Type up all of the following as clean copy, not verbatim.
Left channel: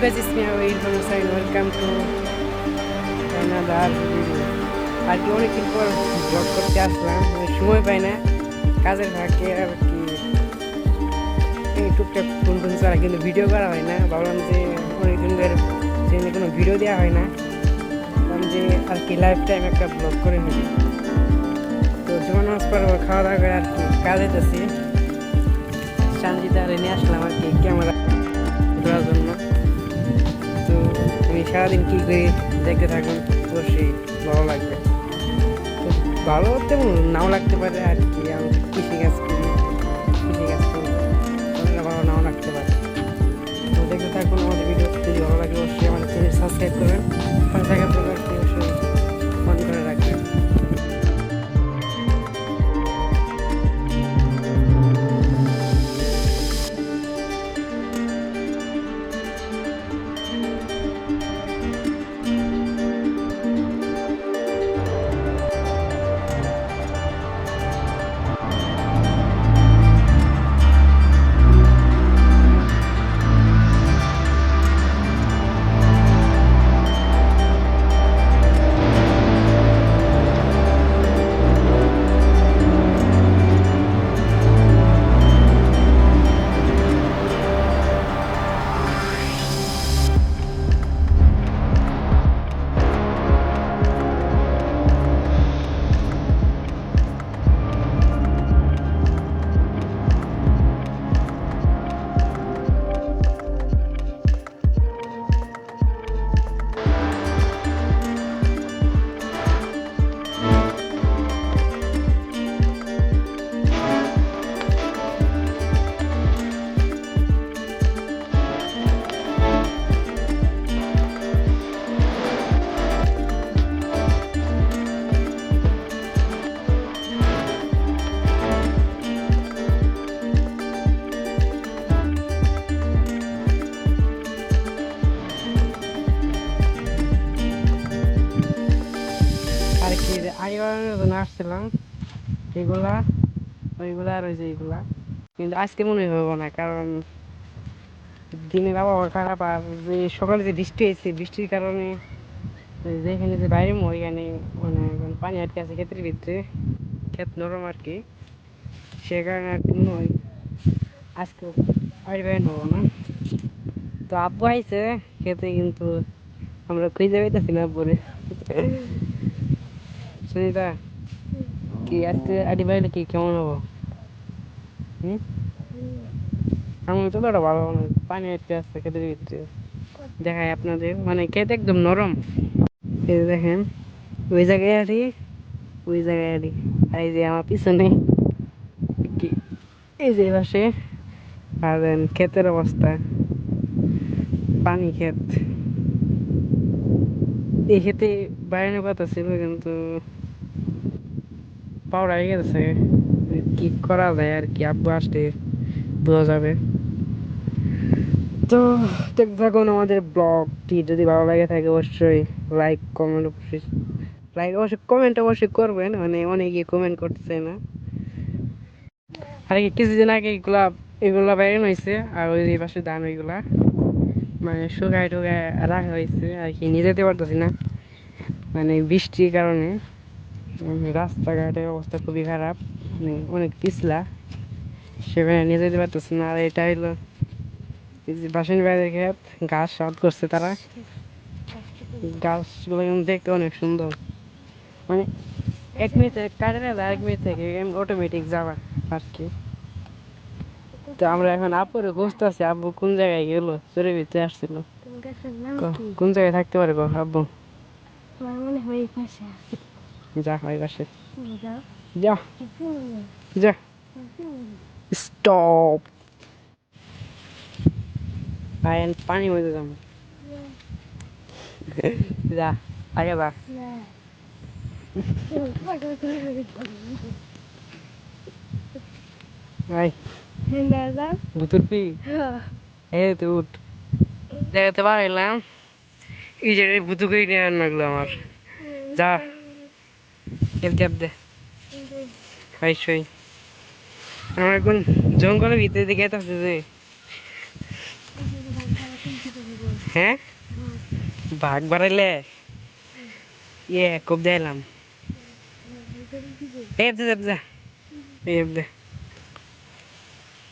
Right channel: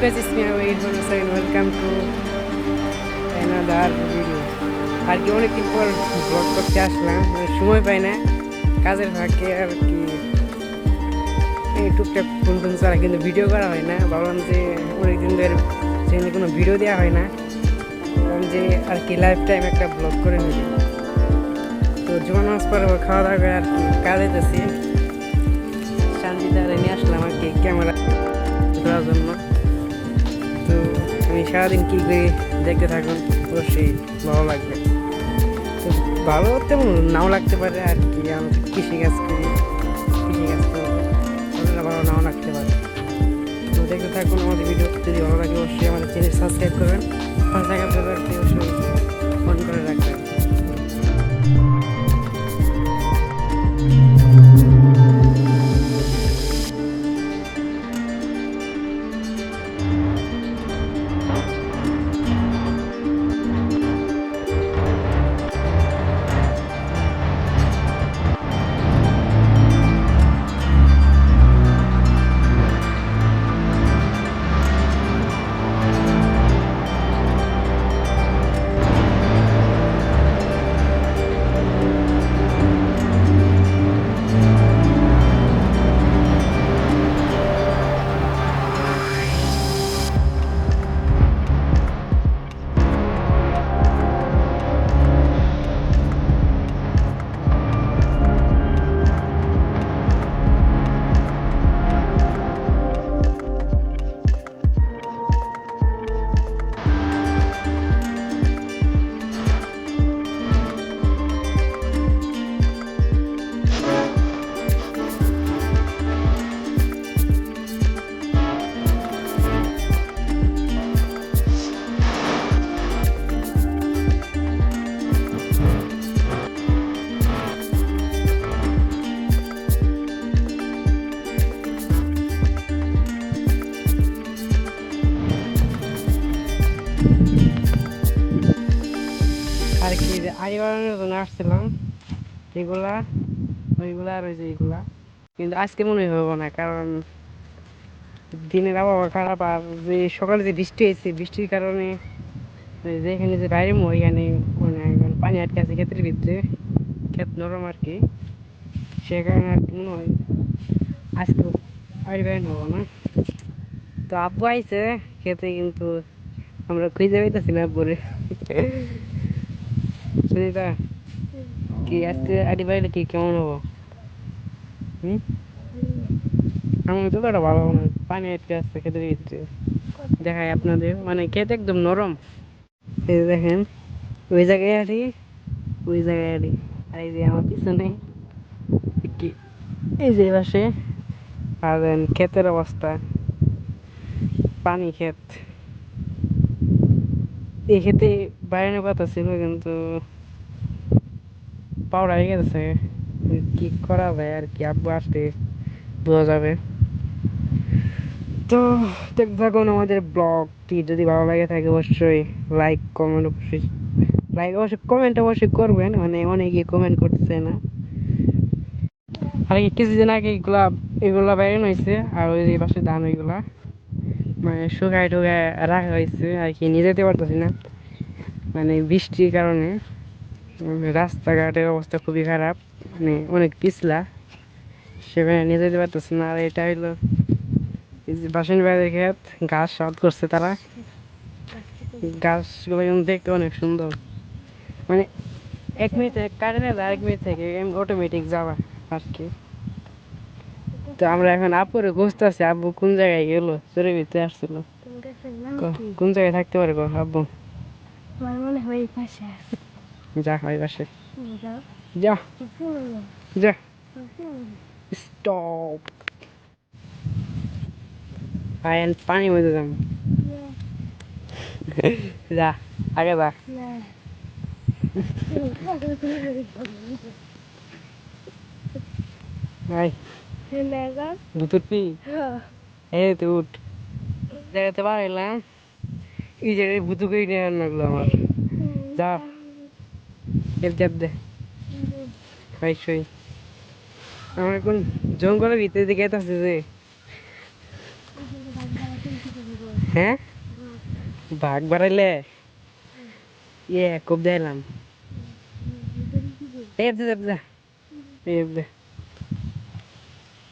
guys, it's me Irfan Hussain. Welcome to another video. আর কি অনেকদিন পর ব্লগ করতে আসলাম, সময় পাই না, কাজের ফাঁকে আর কি টুকটাক ফোন টোন করা, কিন্তু ভিডিও করা হয় না। ভাবলাম যে অনেকদিন ধরে সেখানে কোনো ভিডিও দেওয়া হয় না, ভাবলাম যে আর কি লাইফ টাইম একটা ব্লগ করে ফেলি। তো জোয়ান মাছ পর খাওয়া দাওয়া করে আর কি কাজে যাচ্ছি, শান্তিতে নিয়ে আসলাম আর কি ক্যামেরা ধরার জন্য। তো আমি সারাদিন কী করি দেখতে থাকুন, অবশ্যই ভালো লাগবে। তো ভালো তেমন নাও লাগতে পারে আর কি, আমি কৃষিকাজ করি, কৃষিকাজ করবো, ভালো নাও লাগতে পারে। তো দেখতে থাকুন আমাদের ভিডিও, যদি ভালো লাগে অবশ্যই আমাদের চ্যানেল সাবস্ক্রাইব করবেন, পাশে থাকা বেলটি অবশ্যই অন করে রাখবেন। আর কি আই বানানোর জন্য আসছিলাম, এগুলা ওইগুলা আর ওই যে এগুলা, কিন্তু আজকে মনে হবো না, কারণ দিনের আবহাওয়া খারাপ। আর যে সকালে যে বৃষ্টি হয়েছে, বৃষ্টির কারণে যেখানে যে বাইরে ওইখানে মানে পানি আটকে আছে ক্ষেতের ভিতরে, ক্ষেত নরম আর কি, সে কারণে আর কি মনে হয় আজকে আই বাইন হবো না। তো আব্বু আইছে খেতে, কিন্তু আমরা খুঁজে পাইতেছি না পরে। সুনিতা, কি আজকে আডি বাইরে কি কেমন হবো? আমি তো ওটা ভালো হবে না, পানি আটকে আসছে খেতে দিচ্ছে। দেখায় আপনাদের, মানে খেতে একদম নরম। এই যে দেখেন, ওই জায়গায় আড়ি, ওই জায়গায় আড়ি, আর এই যে আমার পিছনে কি, এই যে পাশে। আর দেন ক্ষেতের অবস্থা, পানি ক্ষেত। এই ক্ষেতে বাইরের কথা ছিল, কিন্তু পাওয়া হয়ে গেছে। কি করা যায় আর কি, আব্বু আসতে বোঝা যাবে। তো দেখতে থাকুন আমাদের ব্লগটি, যদি ভালো লাগে থাকে অবশ্যই লাইক কমেন্ট, অবশ্যই লাইক অবশ্যই কমেন্ট অবশ্যই করবেন, মানে অনেকে কমেন্ট করতেছে না। আর কি কিছুদিন আগে এগুলা বাইরে হয়েছে, আর ওই পাশে ধান ওইগুলা মানে শুকায় টুকায় রাখা হয়েছে আর কি, নিয়ে যেতে পারতেছি না মানে বৃষ্টির কারণে। রাস্তাঘাটের অবস্থা খুবই খারাপ, মানে অনেক পিছলা, সেখানে নিয়ে যেতে পারতেছি না। আর এটা হইলো বাসন বাইরে ক্ষেত, গাছ সাত করছে তারা, গাছগুলো কিন্তু দেখতে অনেক সুন্দর, মানে 1 মিনিটে কাটে না, 1 মিনিট থেকে অটোমেটিক যাওয়া আর কি। তো আমরা এখন আপুরে খুঁজতেছি, আব্বু কোন জায়গায় গেলো, চোরের ভিতরে আসছিল। কোন জায়গায় থাকতে পারে গো আব্বু? যা ওই পাশে যা, যা, স্টপ। পানি মধ্যে যাবো, যা আগে যা। ভাই ভুতুর পি, এই তো উঠ, দেখাতে পারলাম এই যে ভুতু করে নিয়ে রান্নাগুলো আমার। যা ক্যাপ দে ভাই সই। আমার এখন জঙ্গলের ভিতরে দিকে আছে যে, হ্যাঁ ভাগ বাড়াইলে খুব দিলাম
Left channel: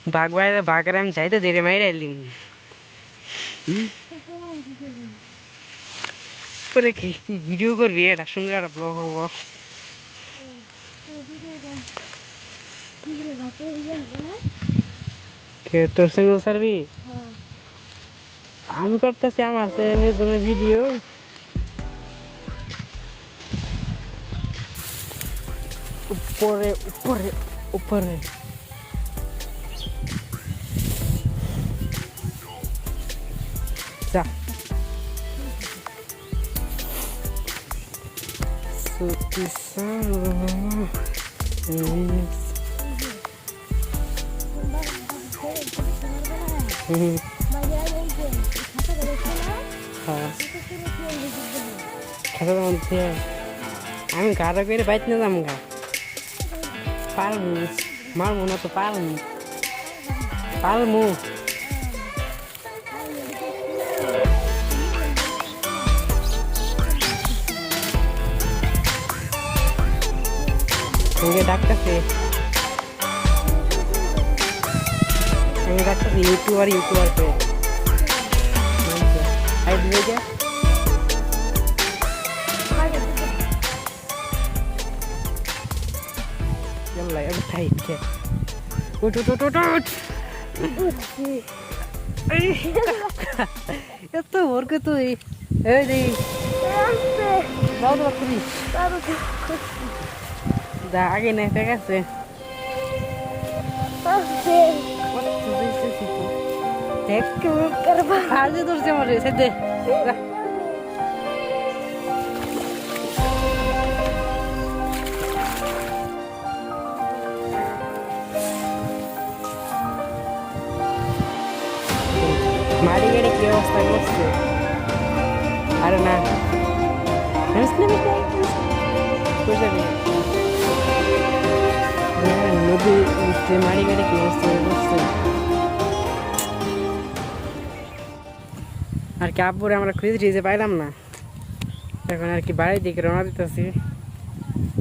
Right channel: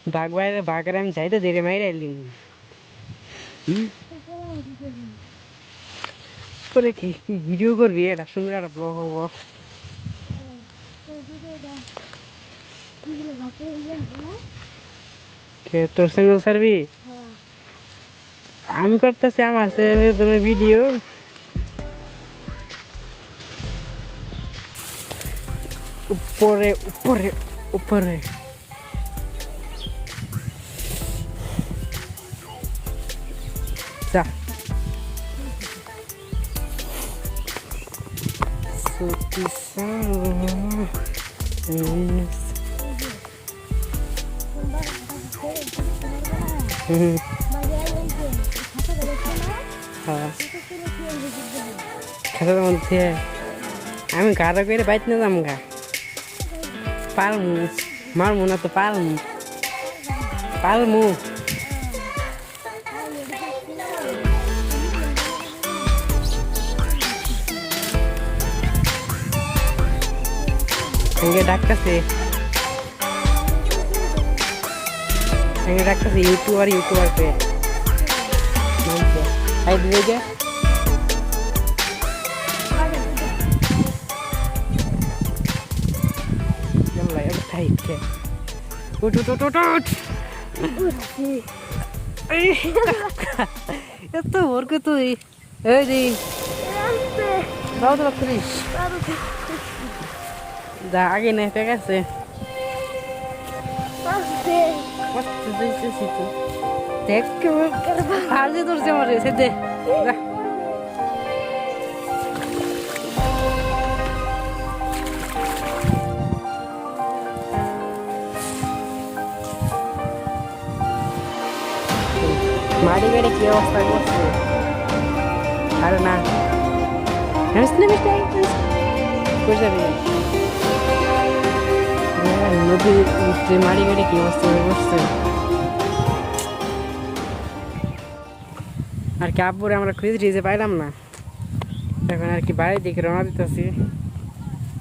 ভাগ বাড়াইলে ভাগের আমি চাইতে ধীরে মাইরে আইলিম পরে কি ভিডিও করবি এটা সুন্দর একটা ব্লগ হবো তোর সঙ্গে সারবি আমি করতেছি আমার ভিডিও উপরে উপরে উপরে যা খাতার মধ্যে আমি গাড়া করে বাইত না যাম গা পারমু মারমু না তো পারমু পারমু ডাকতেছে ইউটিউবার করে আর দিয়ে যা يلا يا بتهيك وت وت وت وت এত ওরকে তুই এই দি দাও তো করিস যা আগে না ঠিক আছে দেখ আগে ধরছে আমার সেদে মারি গেলে কি অবস্থা করছে আরে না নদী মারি গেলে কি অবস্থা করছে আর কি আব্বুরে আমরা খুঁজে পাইলাম না এখন আর কি বাড়ির দিকে রওনা দিতেছি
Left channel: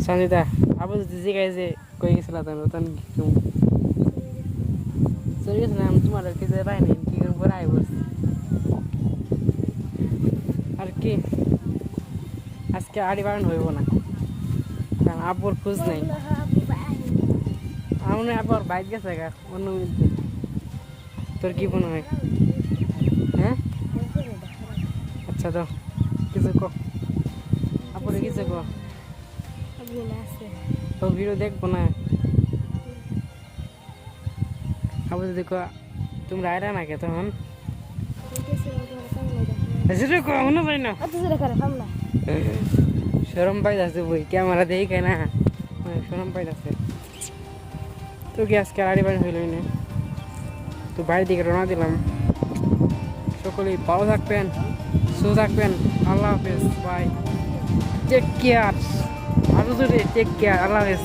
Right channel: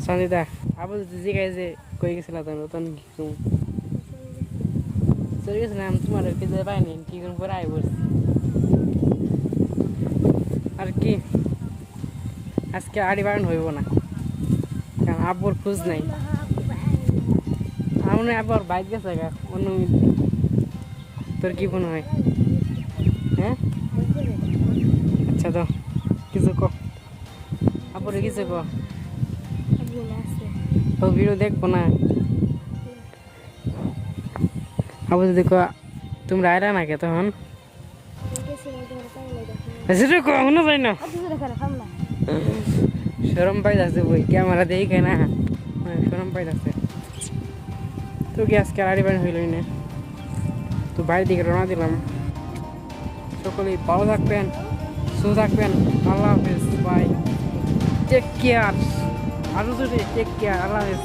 সঞ্জিতা আব্বু যদি জিজ্ঞাসা যে কই গেছিলাম নতুন চলে গেছিলাম তোমার খুঁজে পাইনি কি করে পরে আই বলছি আর কি আজকে আড়ি বাগান হইব না কারণ আব্বুর খোঁজ নাই আমার আবার বাইক গেছে গা অন্য তোর কি মনে হয় হ্যাঁ আচ্ছা তো কিছু কো আব্বুরে কিছু কো তোর ভিডিও দেখবো না আবু যদি কো তোমরা আইরা না কে তখন শরম পাইতাছে বই ক্যামেরা দেখে না শরম পাইতাছে তো কি আজকে আড়ি বাড়ি হইলই না তো বাড়ির দিকে রওনা দিলাম সকলেই ভালো থাকবেন সুস্থ থাকবেন আল্লাহ হাফেজ বাই টেক কেয়ার আরো যদি টেক কেয়ার আল্লাহ হাফেজ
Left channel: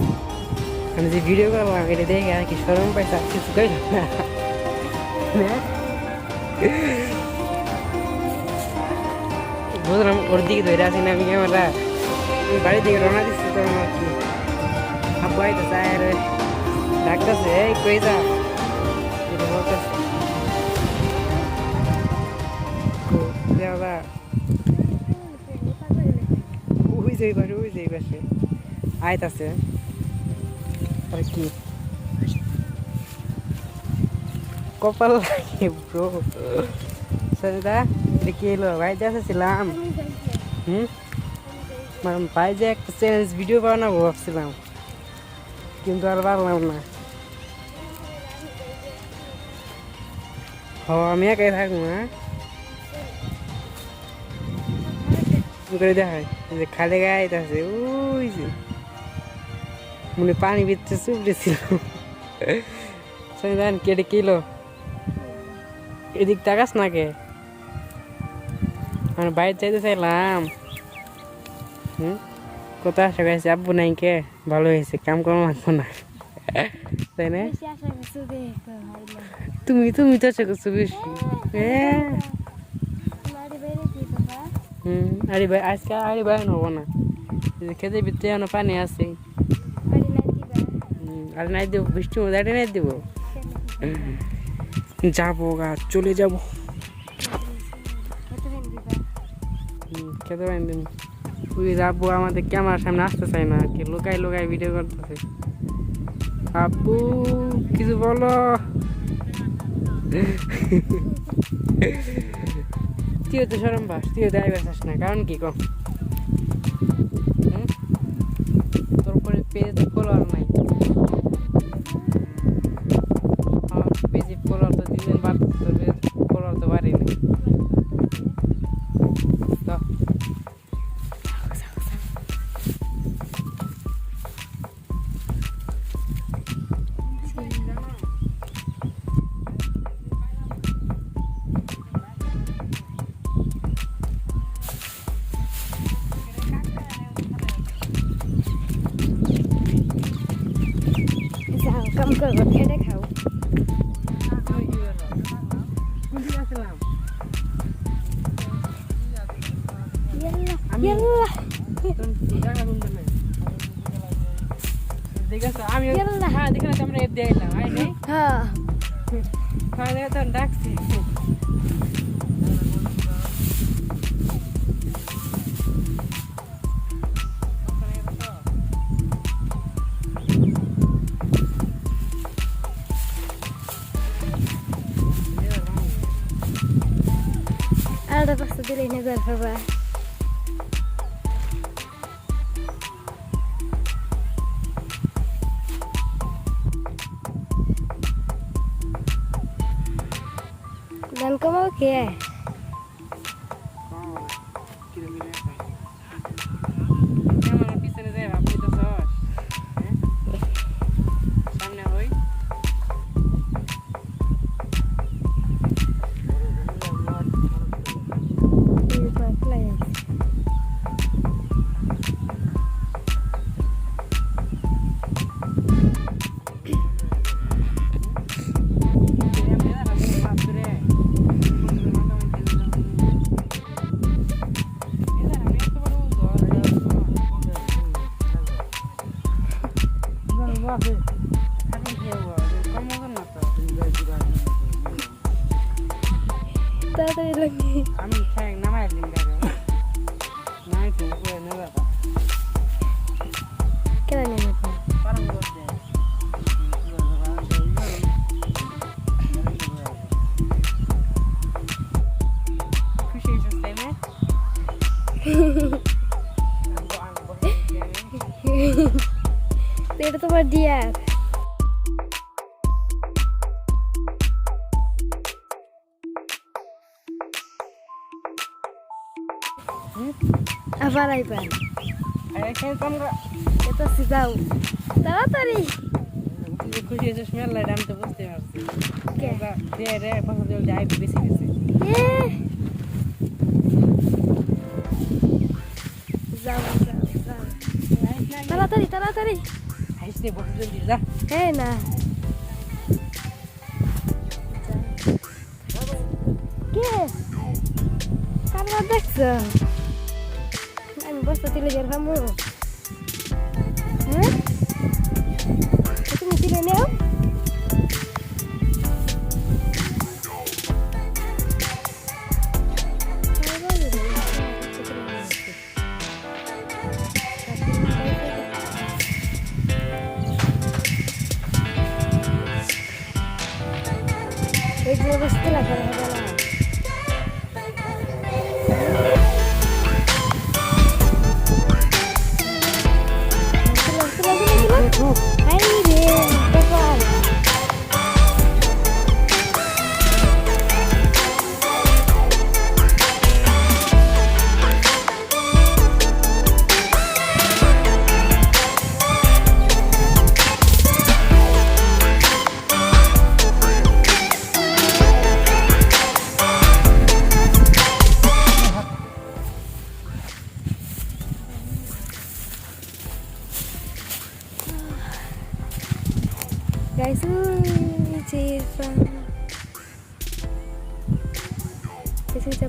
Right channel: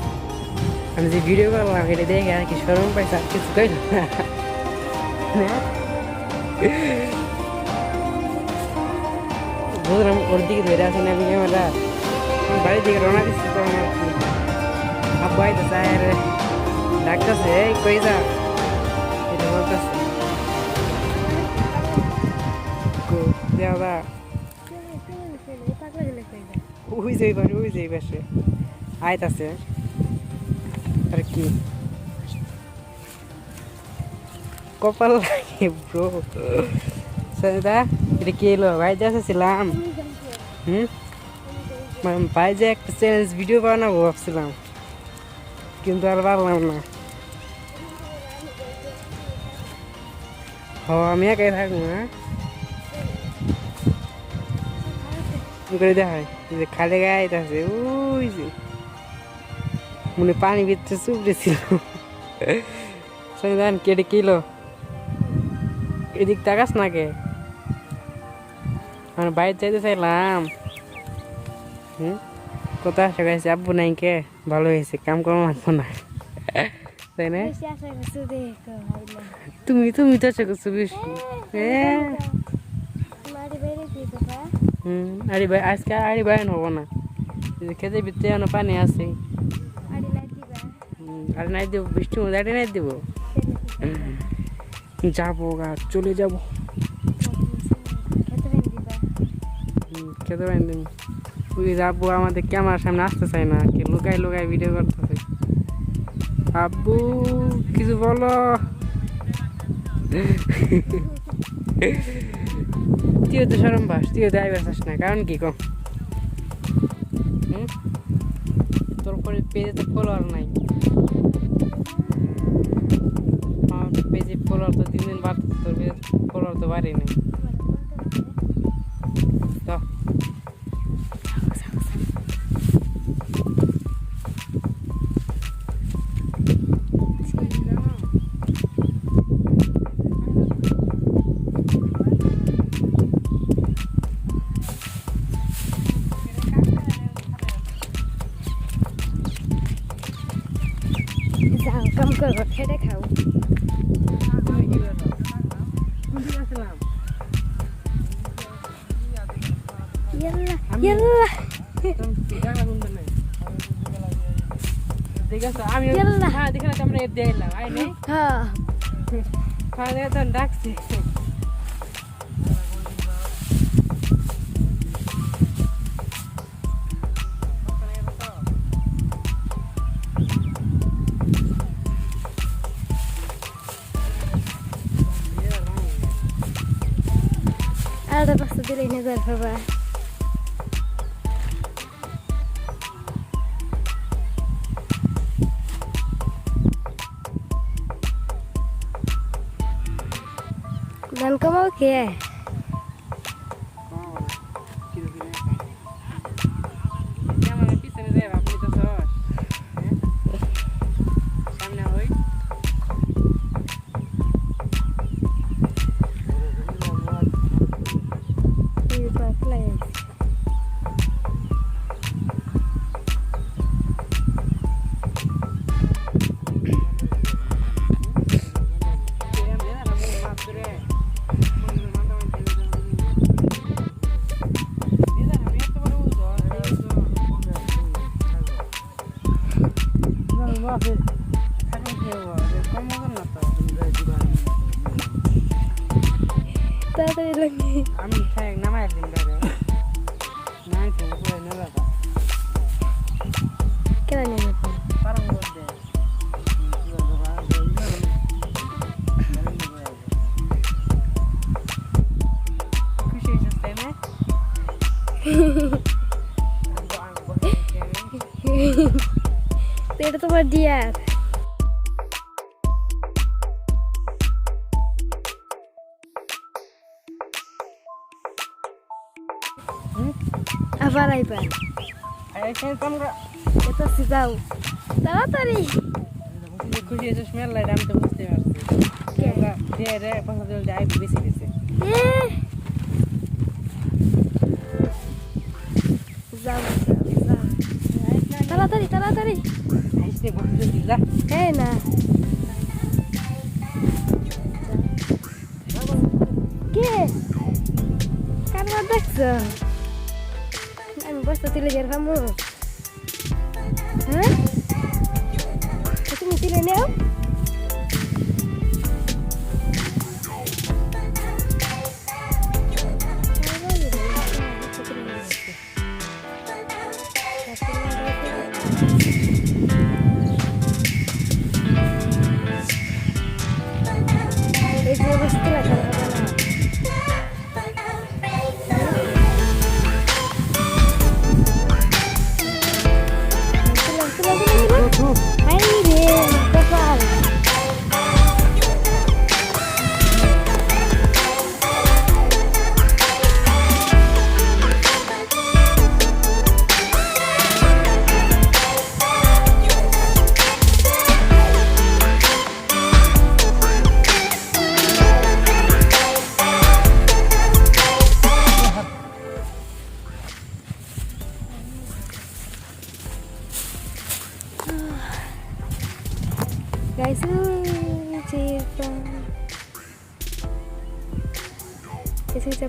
আমি যে ভিডিও করলাম এটা দেখে আর কি শরম পাইছে আর কিছু কই না বুঝলাম ওর দিকে ধরে আসি না আমি ক্যামেরা আমি বাড়ির দিকে রওনা দিচ্ছি তো আমার কি আব্বু আইতে চায় ডাকতেছে এই কই যা এটা বলতেছে ওই যাইবাসে আইতাছে আর কি কপাল লাগে ব্রো সরিদা এটা কি এলো ভাই দেখেছিলাম ভাই যে একটা চ্যালেঞ্জ ভিডিও বানাবো ভাবছিলাম কিন্তু আর পারলাম না আমি একাই থাকবো হ্যাঁ করে দেখায় যে খালে গায়ে আছে ওই যে মনে পানি ভিতরে চুপড়েছিল জান কেটে কিলো এদিক তাকাস না কে আমি বাইরে চাইতে চাইলাম কোথায় আসা গেছে আব্বু নাই কে ভালো হয়েছে কাম কম লাগবো না তাই না তুমি তো আশা করছো বেশি হ্যাঁ আরে ভাই আজকে আরে ভাই হবো না খেতে ভিতরে এখনো পানি আছে আর নাই দেবো বৃষ্টির মধ্যে আরে নাই দেবো যাবো গা চলে যাবো খেতে পারেন তুমি ওই আব্বু আমাদের ক্যামেরার সামনে আসতে চাই না কি লুকাই লুকাই ভিডিও করতেছে আব্বু কিছু বলো তুইও তো সরম পাস তুইও তো আইবার চাস না কারণ কি কম তোর করে পেজে তো ফলোয়ার নাই আমার পেজে ফলোয়ার তো 3 দিন বাদ ফলোয়ার তো বাড়েনি যাও কাম করবো এটা খাও আমি হ্যাঁ দেখলাম আমরা এর দিয়ে এলাম হ্যাঁ তো ডাকছি আলাদা পাস্তা দিলে নজর পাবা গান কমাও কে পিছনে যাই আপনি তো সামনে হই তাড়াতাড়ি লাগে আমি ঠ্যাং নামাই দিন ধরে নাই তো উপরে নেবে কেন নেবে পারম করতে খুশি হয়েছিস তাই না এটা তোমার ডিয়ার আবার আইবার এখানে তো আমরা এটা সিজাও তাড়াতাড়ি খুশি হয়েছিস মেলায় আমি তো বুঝতে পারছি দিয়ে রে পছন্দ যাই বেশি গেছে যাও যাও তাড়াতাড়ি তাড়াতাড়ি আইসতে বসে জলদি যা হ্যাঁ না কে কারণ দেখছো আমি বসতে তুলে যার ভামু হ্যাঁ তুমি তুলে নেও এই যে বসতে লাগা হবে না Ay, bien, qué padre. Guys,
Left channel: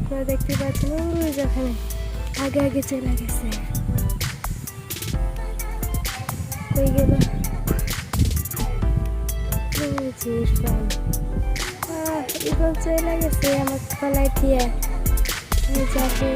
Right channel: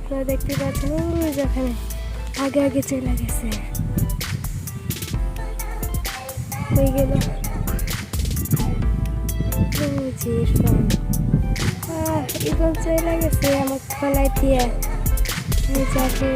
আপনারা দেখতে পাচ্ছেন যেখানে আগে আগে চলে গেছে কই গেল ইরফান ইরফান চলে গেছে আমার ফলাই দিয়ে চাকরি